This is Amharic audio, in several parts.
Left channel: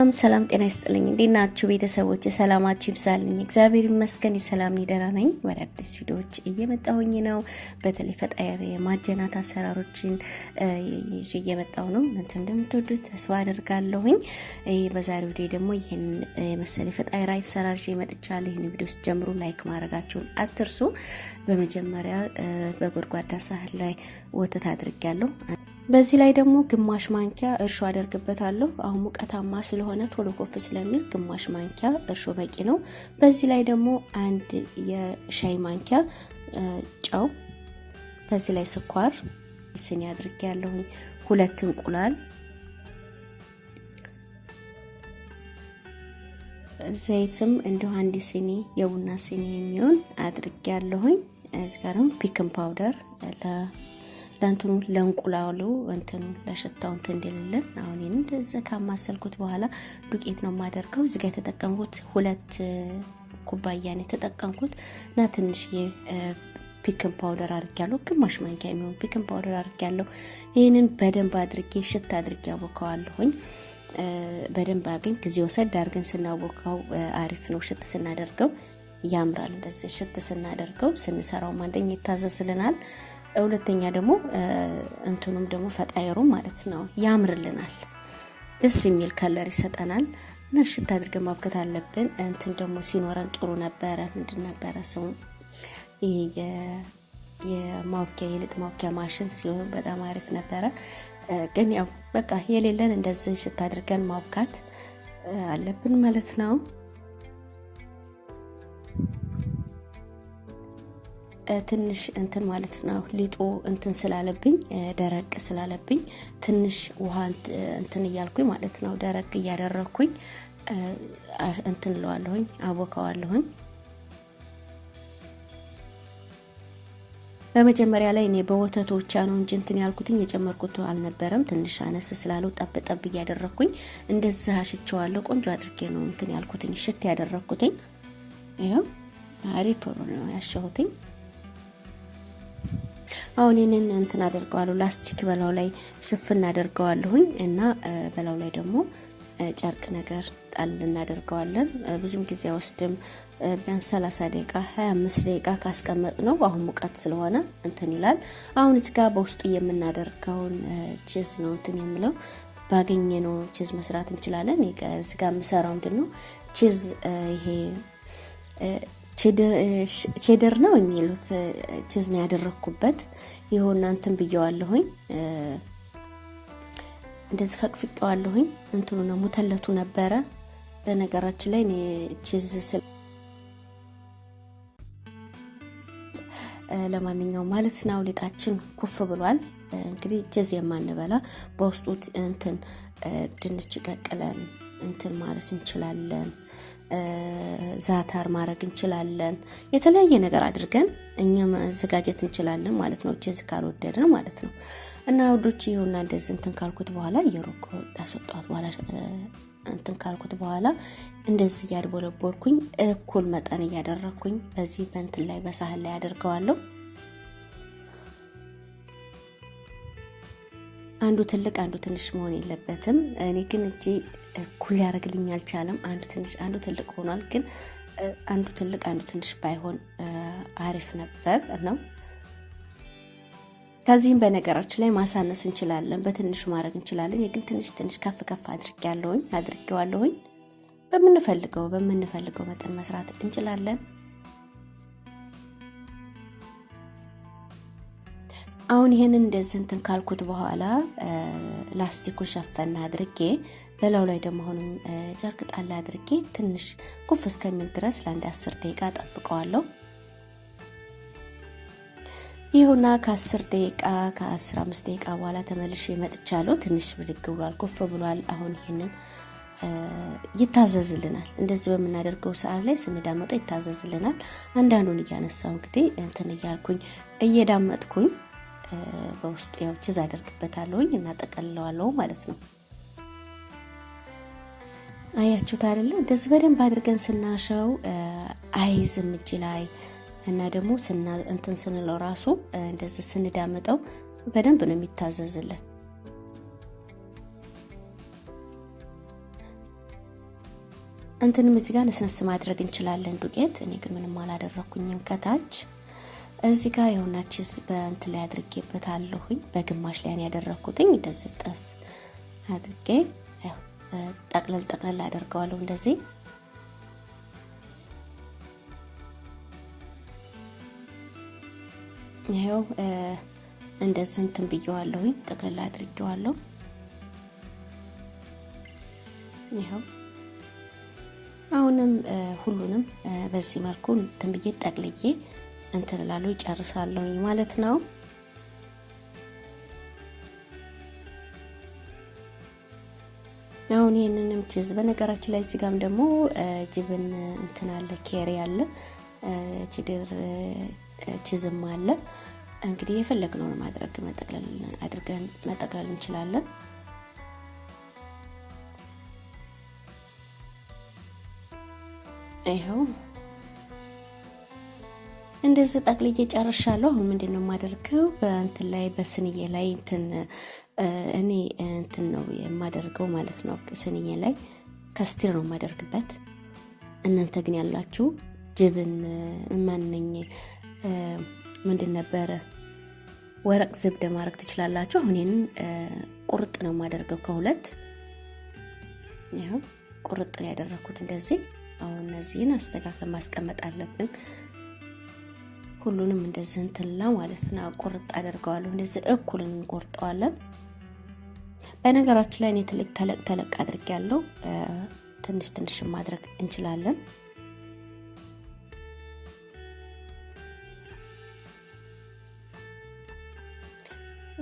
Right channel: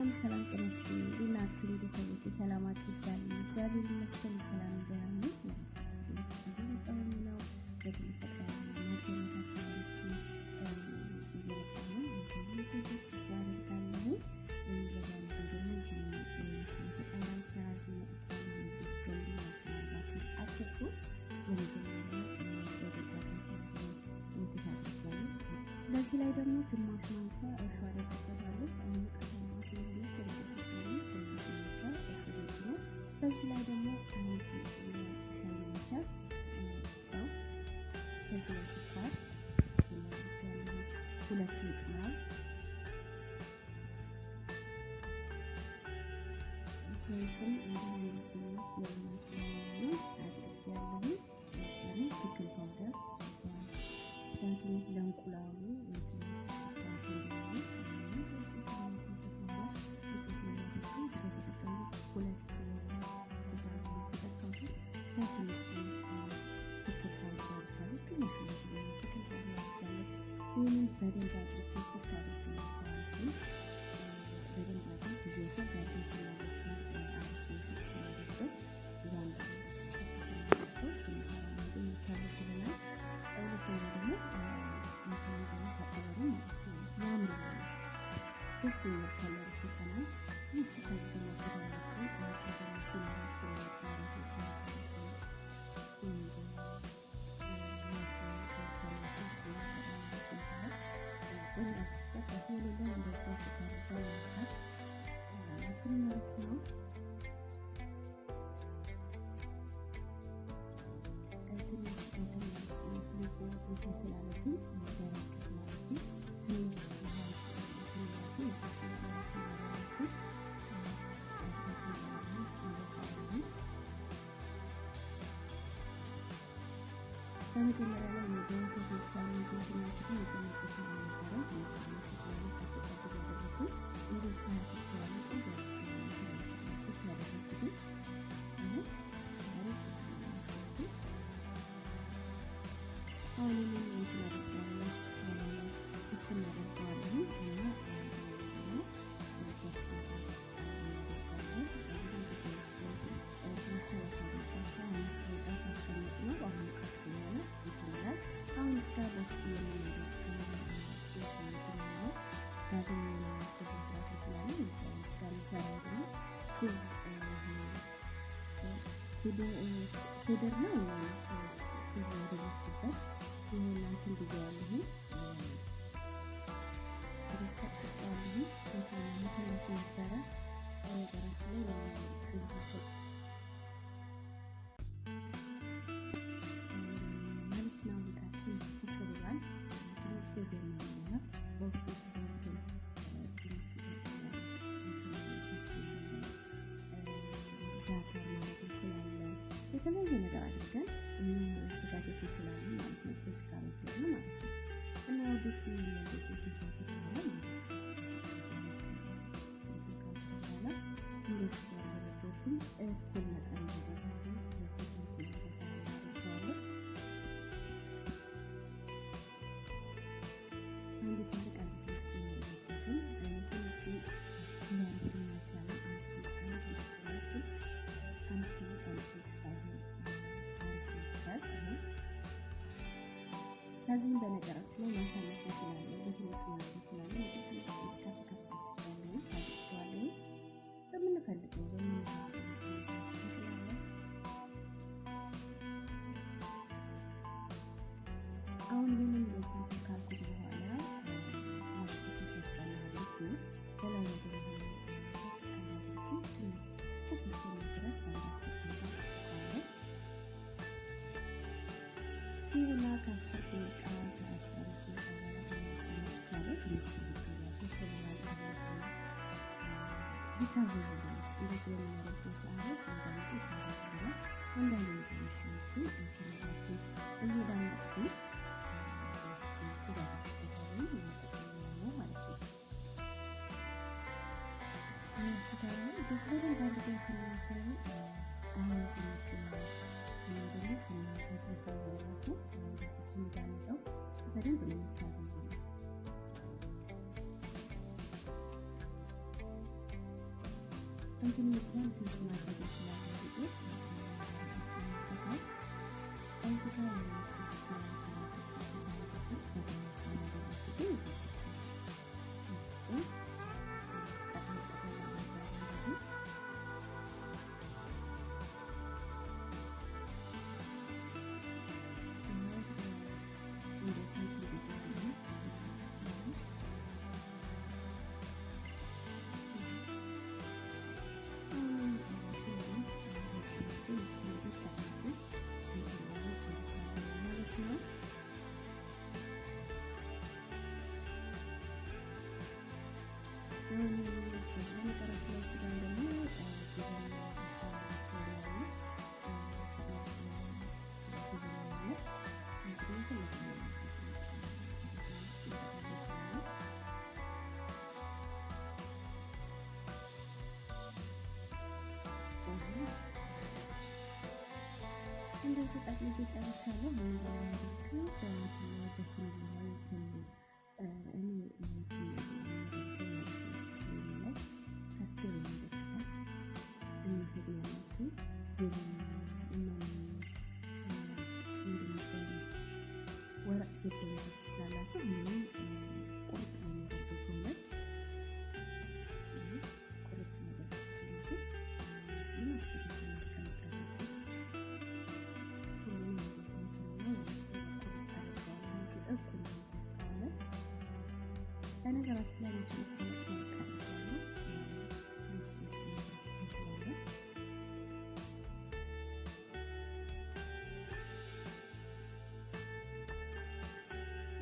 ሰላም ጤና ይስጥልኝ እንዴት ናችሁ ቤተሰቦች ሰላማችሁ ይብዛልኝ እግዚአብሔር ይመስገን ሰላም ነኝ ደህና ነኝ ወደ አዲስ ቪዲዮዎች እየመጣሁኝ ነው በተለይ ፈጣሪ ማጀናት አሰራሮችን እየመጣሁ ነው እናንተ እንደምትወዱት ተስፋ አደርጋለሁኝ በዛሬው ቪዲዮ ደግሞ ይሄን መሰለ ፈጣሪ ራይት አሰራር መጥቻለሁ ይሄን ቪዲዮ ጀምሩ ላይክ ማድረጋችሁን አትርሱ በመጀመሪያ በጎድጓዳ ሳህን ላይ ወተት አድርጌያለሁ በዚህ ላይ ደግሞ ግማሽ ማንኪያ እርሾ አደርግበታለሁ አሁን ሙቀታማ ስለሆነ ቶሎ ኮፍ ስለሚል ግማሽ ማንኪያ እርሾ በቂ ነው በዚህ ላይ ደግሞ አንድ የሻይ ማንኪያ ጨው በዚህ ላይ ስኳር ስኒ አድርጌያለሁ ሁለት እንቁላል ዘይትም እንደው አንድ ስኒ የቡና ስኒ የሚሆን አድርጌያለሁ እዚህ ጋር ነው ፒክን ፓውደር ለአንተኑ ለእንቁላሉ እንትን ለሽታው እንትን እንደሌለን አሁን እንደዛ ካማሰልኩት በኋላ ዱቄት ነው ማደርገው እዚህ ጋር ተጠቀምኩት ሁለት ኩባያ ነው ተጠቀምኩት እና ትንሽ ፒክን ፓውደር አድርጌያለሁ ግማሽ ማንኪያ ነው ፒክን ፓውደር አድርጌያለሁ ይሄንን በደንብ አድርጌ ሽታ አድርጌ አቦካዋለሁኝ በደንብ አድርገን ጊዜ ወሰድ አድርገን ስናቦካው አሪፍ ነው ሽት ስናደርገው ያምራል እንደዚህ ሽት ስናደርገው ስንሰራው ማንደኝ ይታዘዝልናል ሁለተኛ ደግሞ እንትኑም ደግሞ ፈጣይሩ ማለት ነው ያምርልናል ደስ የሚል ከለር ይሰጠናል ነሽት አድርገን ማብከት አለብን እንትን ደግሞ ሲኖረን ጥሩ ነበር ምንድን ነበር ሰው የማውኪያ የልጥ ማውኪያ ማሽን ሲሆን በጣም አሪፍ ነበር ግን ያው በቃ የሌለን እንደዚህ ሽት አድርገን ማብካት አለብን ማለት ነው ትንሽ እንትን ማለት ነው ሊጡ እንትን ስላለብኝ ደረቅ ስላለብኝ ትንሽ ውሃ እንትን ይያልኩኝ ማለት ነው ደረቅ ያደረኩኝ እንትን ለዋለሁኝ አቦካዋለሁኝ በመጀመሪያ ላይ እኔ በወተቶች ነው እንጂ እንትን ያልኩትኝ የጨመርኩት አልነበረም ትንሽ አነስ ስላለው ጠብጠብ ያደረኩኝ እንደዛ አሽቸዋለሁ ቆንጆ አድርጌ ነው እንትን ያልኩትኝ ሽት ያደረኩትኝ ይሄው አሪፍ ነው ያሻሁትኝ አሁን እኔን እንትን አደርጋለሁ ላስቲክ በላው ላይ ሽፍን አደርጋለሁኝ እና በላው ላይ ደግሞ ጨርቅ ነገር ጣል እናደርጋለን ብዙም ጊዜ ወስደም ቢያንስ 30 ደቂቃ 25 ደቂቃ ካስቀመጥነው አሁን ሙቀት ስለሆነ እንትን ይላል አሁን እዚህ ጋር በውስጡ የምናደርገውን ቺዝ ነው እንትን የሚለው ባገኘነው ቺዝ መስራት እንችላለን እዚህ ጋር መሰራው እንደነው ቺዝ ይሄ ቼደር ነው የሚሉት ቺዝ ነው ያደረኩበት ይሁን እንትን ብየዋለሁኝ እንደዚህ ፈቅፍቄዋለሁኝ እንትኑ ነው ሙተለቱ ነበረ በነገራችን ላይ ቺዝ ለማንኛውም ማለት ነው ሊጣችን ኩፍ ብሏል እንግዲህ ቺዝ የማንበላ በውስጡ እንትን ድንች ቀቅለን እንትን ማለት እንችላለን ዛታር ማድረግ እንችላለን የተለያየ ነገር አድርገን እኛ ማዘጋጀት እንችላለን ማለት ነው ቺዝ ካልወደድን ማለት ነው እና ወዶች ይሁንና እንደዚህ እንትን ካልኩት በኋላ የሮኮ ታስወጣት በኋላ እንትን ካልኩት በኋላ እንደዚህ ያድቦለቦልኩኝ እኩል መጠን ያደረኩኝ በዚህ በእንትን ላይ በሳህን ላይ አድርገዋለሁ አንዱ ትልቅ አንዱ ትንሽ መሆን የለበትም እኔ ግን እጂ ኩል ያረግልኝ አልቻለም አንዱ ትንሽ አንዱ ትልቅ ሆኗል ግን አንዱ ትልቅ አንዱ ትንሽ ባይሆን አሪፍ ነበር ነው ከዚህም በነገራችን ላይ ማሳነስ እንችላለን በትንሹ ማድረግ እንችላለን ግን ትንሽ ከፍ አድርጌዋለሁኝ በመንፈልገው መጠን መስራት እንችላለን አሁን ይሄንን እንደዚህ እንትን ካልኩት በኋላ ላስቲኩን ሸፈና አድርጌ በላው ላይ ደግሞ አሁን ጨርቅ ጣል አድርጌ ትንሽ ኩፍ እስከሚል ድረስ ለአንድ 10 ደቂቃ ጠብቀዋለሁ ይሁንና ከ10 ደቂቃ ከ15 ደቂቃ በኋላ ተመልሼ መጥቻለሁ ትንሽ ብልግ ብሏል ኩፍ ብሏል አሁን ይሄንን ይታዘዝልናል እንደዚህ በመናደርገው ሰዓት ላይ ስንዳመጠው ይታዘዝልናል አንዳንዱን ያነሳው እንግዲህ እንትን ይያልኩኝ እየዳመጥኩኝ በውስጡ ያው ቺዝ አደርግበታለሁኝ እና ጠቀልለዋለሁ ማለት ነው አያችሁት አይደለ እንደዚህ በደንብ አድርገን ስናሸው አይዝም እጅ ላይ እና ደግሞ እንትን ስንለው ራሱ እንደዚህ ስንዳመጠው በደንብ ነው የሚታዘዝልን እንትንም እዚህ ጋር ነስነስ ማድረግ እንችላለን ዱቄት። እኔ ግን ምንም አላደረኩኝም። ከታች እዚህ ጋር የሆነ ቺዝ በእንትን ላይ አድርጌበታለሁኝ። በግማሽ ላይ ነው ያደረኩትኝ። እንደዚህ ጠፍ አድርጌ ጠቅለል አደርገዋለሁ እንደዚህ። ይሄው እንደዚህ እንትን ብየዋለሁኝ። ጠቅለል አድርጌዋለሁ። ይሄው አሁንም ሁሉንም በዚህ መልኩ እንትን ብዬ ጠቅልዬ እንትን እላለሁ ጨርሳለሁ ማለት ነው። አሁን ይሄንንም ቺዝ በነገራችን ላይ እዚህ ጋርም ደግሞ ጅብን እንትን አለ፣ ኬሪ አለ፣ ቺድር ቺዝም አለ። እንግዲህ የፈለግነው ማድረግ መጠቅለል እንችላለን። ይሄው እንደዚህ ጠቅልዬ ጨርሻለሁ። አሁን ምንድነው የማደርገው በእንትን ላይ በስንዬ ላይ እኔ እንትን ነው የማደርገው ማለት ነው። ስንዬ ላይ ከስቲር ነው የማደርግበት። እናንተ ግን ያላችሁ ጅብን ማንነኝ ምንድን ነበረ ወረቅ ዝብደ ማድረግ ትችላላችሁ። አሁን ይሄንን ቁርጥ ነው የማደርገው ከሁለት። ይሄው ቁርጥ ነው ያደረኩት እንደዚህ። አሁን እነዚህን አስተካክለን ማስቀመጥ አለብን። ሁሉንም እንደዚህ እንትላ ማለት ነው ቁርጥ አደርገዋለሁ። እንደዚህ እኩል እንቆርጠዋለን። በነገራችን ላይ እኔ ተለቅ አድርጌያለሁ። ትንሽ ማድረግ እንችላለን።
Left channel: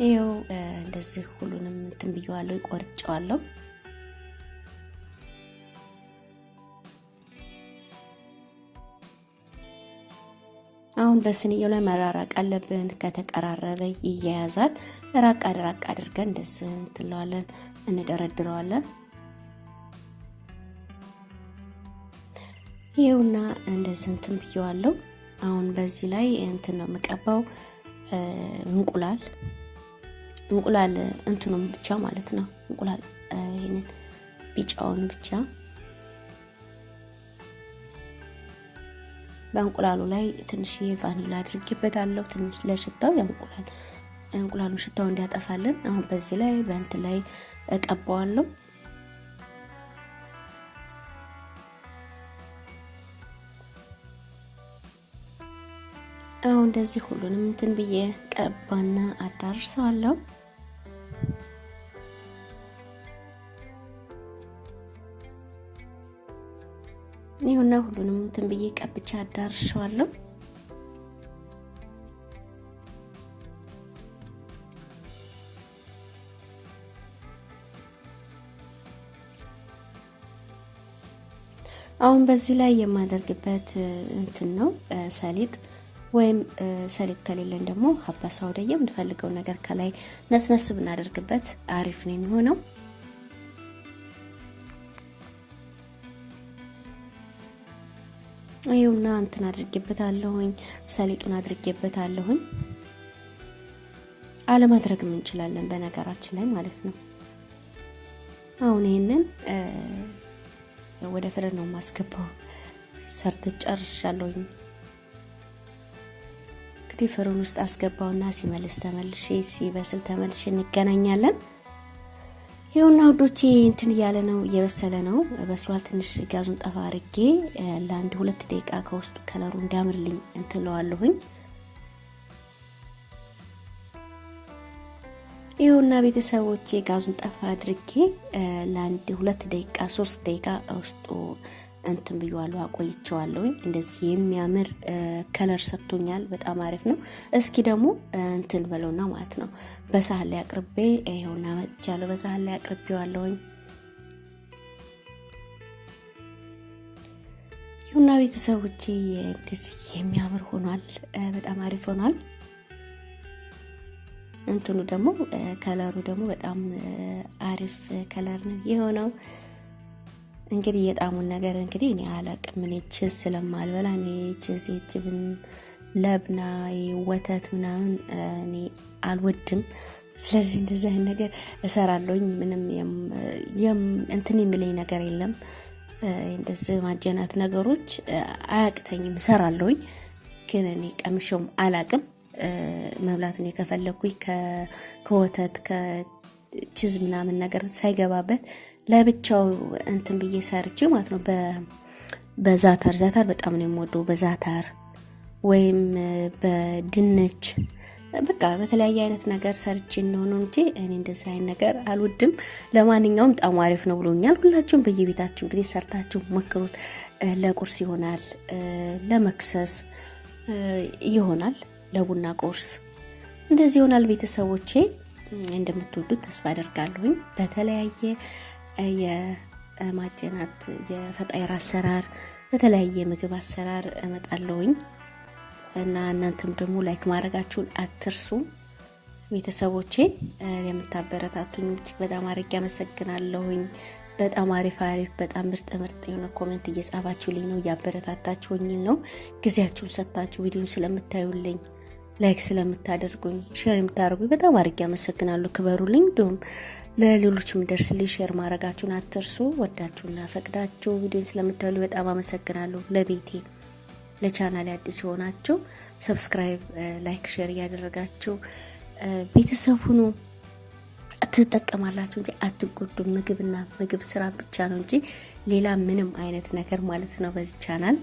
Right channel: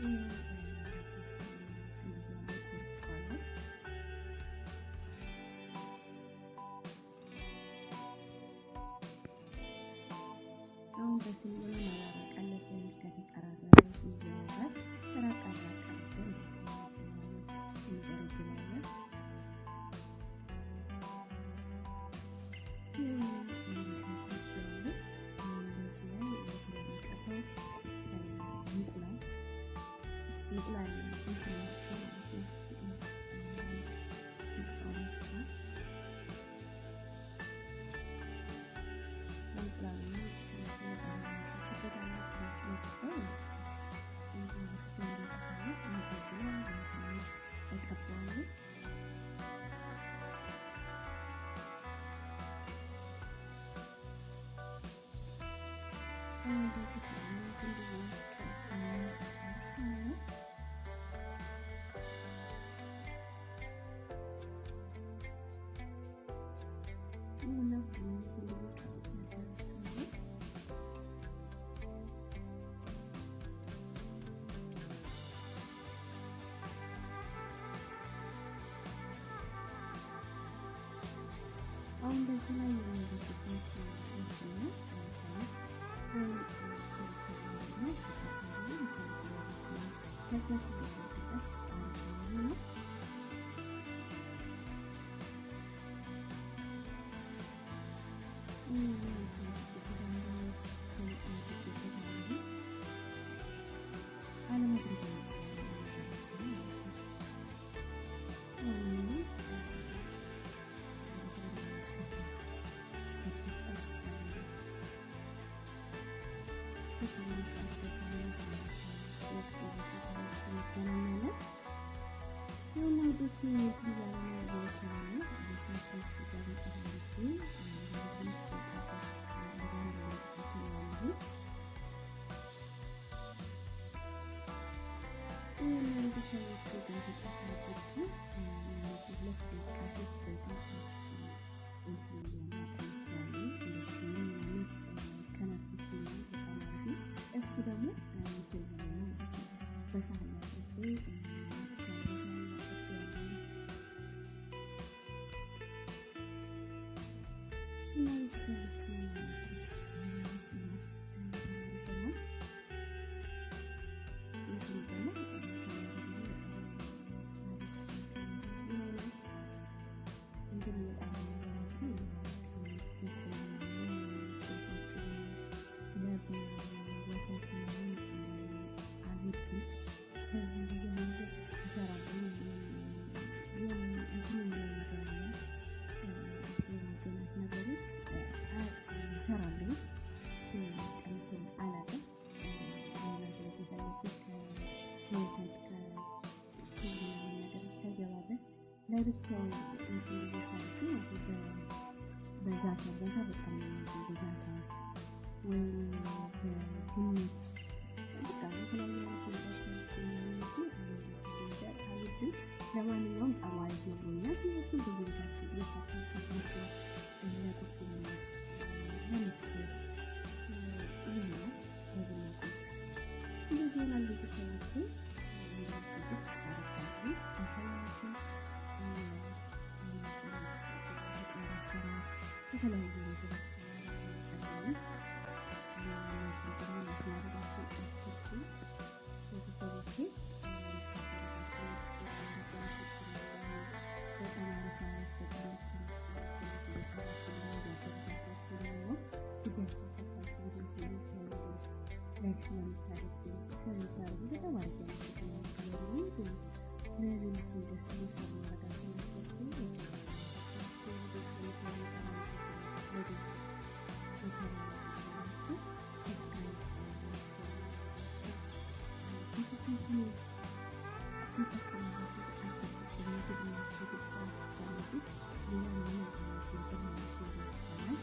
ይሄው እንደዚህ ሁሉንም እንትን ብየዋለሁ፣ ቆርጬዋለሁ። አሁን በስንየው ላይ መራራቅ አለብን። ከተቀራረበ ይያያዛል። ራቅ አድርገን እንደዚህ እንትለዋለን፣ እንደረድረዋለን። ይሄውና እንደዚህ እንትን ብየዋለሁ። አሁን በዚህ ላይ እንትን ነው የምቀባው እንቁላል እንትኑም ብቻ ማለት ነው። እንቁላል ይሄንን ቢጫውን ብቻ በእንቁላሉ ላይ ትንሽ ቫኒላ አድርጌበታለሁ። ትንሽ ለሽታው እንቁላሉ ሽታው እንዲያጠፋልን። አሁን በዚህ ላይ በእንትን ላይ እቀባዋለሁ። አሁን እንደዚህ ሁሉንም እንትን ብዬ ቀባና አዳርሰዋለሁ። ይሁንና ሁሉንም እንትን ብዬ ቀብቻ አዳርሻለሁ። አሁን በዚህ ላይ የማደርግበት እንትን ነው ሰሊጥ ወይም ሰሊጥ ከሌለን ደግሞ ሀባ ሳውዳ የምንፈልገው ነገር ከላይ ነስነስ ብናደርግበት አሪፍ ነው የሚሆነው። ይኸውና እንትን አድርጌበታለሁኝ፣ ሰሊጡን አድርጌበታለሁኝ። አለማድረግም እንችላለን በነገራችን ላይ ማለት ነው። አሁን ይሄንን ወደ ፍርን ነው ማስገባው። ሰርተ ጨርሻለሁኝ። እንግዲህ ፍርን ውስጥ አስገባውና ሲበስል ተመልሼ እንገናኛለን። ይኸውና ውዶቼ እንትን እያለ ነው፣ እየበሰለ ነው፣ በስሏል። ትንሽ ጋዙን ጠፋ አድርጌ ለአንድ 2 ደቂቃ ከውስጡ ከለሩ እንዲያምርልኝ እንትለዋለሁኝ። ይኸውና ቤተሰቦቼ ጋዙን ጠፋ አድርጌ ለአንድ 2 ደቂቃ 3 ደቂቃ ውስጡ እንትን ብየዋለሁ፣ አቆይቼዋለሁ። እንደዚህ የሚያምር ከለር ሰጥቶኛል። በጣም አሪፍ ነው። እስኪ ደግሞ እንትን በለውና ማለት ነው በሳህን ላይ አቅርቤ ይሄውና መጥቻለሁ። በሳህን ላይ አቅርቤዋለሁኝ። ይሁንና ቤተሰቦቼ እንደዚህ የሚያምር ሆኗል። በጣም አሪፍ ሆኗል። እንትኑ ደግሞ ከለሩ ደግሞ በጣም አሪፍ ከለር ነው የሆነው። እንግዲህ የጣሙን ነገር እንግዲህ እኔ አላቅም። እኔ ቺዝ ስለማልበላ እኔ ቺዝ ጅብን ለብና ወተት ምናምን እኔ አልወድም። ስለዚህ እንደዚህ አይነት ነገር እሰራለሁኝ። ምንም እንትን የሚለኝ ነገር የለም። እንደዚህ ማጀናት ነገሮች አያቅተኝም እሰራለሁኝ ግን እኔ ቀምሼውም አላቅም መብላት ነው ከፈለኩኝ ከወተት ከቺዝ ምናምን ነገር ሳይገባበት ለብቻው እንትን ብዬ ሰርቼ ማለት ነው በዛታር በጣም ነው የምወደው በዛታር ወይም በድንች በቃ በተለያየ አይነት ነገር ሰርቼ ነው እንጂ እኔ እንደዛ አይነት ነገር አልወድም ለማንኛውም በጣም አሪፍ ነው ብሎኛል ሁላችሁም በየቤታችሁ እንግዲህ ሰርታችሁ ሞክሩት ለቁርስ ይሆናል ለመክሰስ ይሆናል ለቡና ቁርስ እንደዚህ ይሆናል ቤተሰቦቼ እንደምትወዱት ተስፋ አደርጋለሁ በተለያየ የማጀናት የፈጣይራ አሰራር በተለያየ ምግብ አሰራር እመጣለሁኝ እና እናንተም ደግሞ ላይክ ማድረጋችሁን አትርሱ ቤተሰቦቼ የምታበረታቱኝ በጣም አድርጌ አመሰግናለሁኝ በጣም አሪፍ በጣም ምርጥ የሆነ ኮሜንት እየጻፋችሁልኝ ነው ያበረታታችሁኝ ነው ጊዜያችሁን ሰጣችሁ ቪዲዮን ስለምታዩልኝ ላይክ ስለምታደርጉኝ ሼር የምታደርጉኝ በጣም አድርጌ አመሰግናለሁ ክበሩልኝ ዶም ለሌሎችም ደርስልኝ ሼር ማድረጋችሁን አትርሱ ወዳችሁና ፈቅዳችሁ ቪዲዮን ስለምታዩልኝ በጣም አመሰግናለሁ ለቤቴ ለቻናሌ አዲስ ሆናችሁ ሰብስክራይብ ላይክ ሼር ያደረጋችሁ ቤተሰብ ሁኑ አትጠቀማላችሁ እንጂ አትጎዱም ምግብ ስራ ብቻ ነው እንጂ ሌላ ምንም አይነት ነገር ማለት ነው በዚህ ቻናል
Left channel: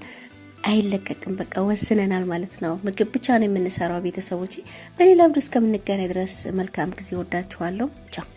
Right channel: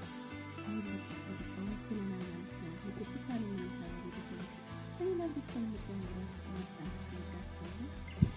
አይለቀቅም በቃ ወስነናል ማለት ነው ምግብ ብቻ ነው የምንሰራው ቤተሰቦቼ በሌላ ቪዲዮ እስከምንገናኝ ድረስ መልካም ጊዜ ወዳችኋለሁ ቻው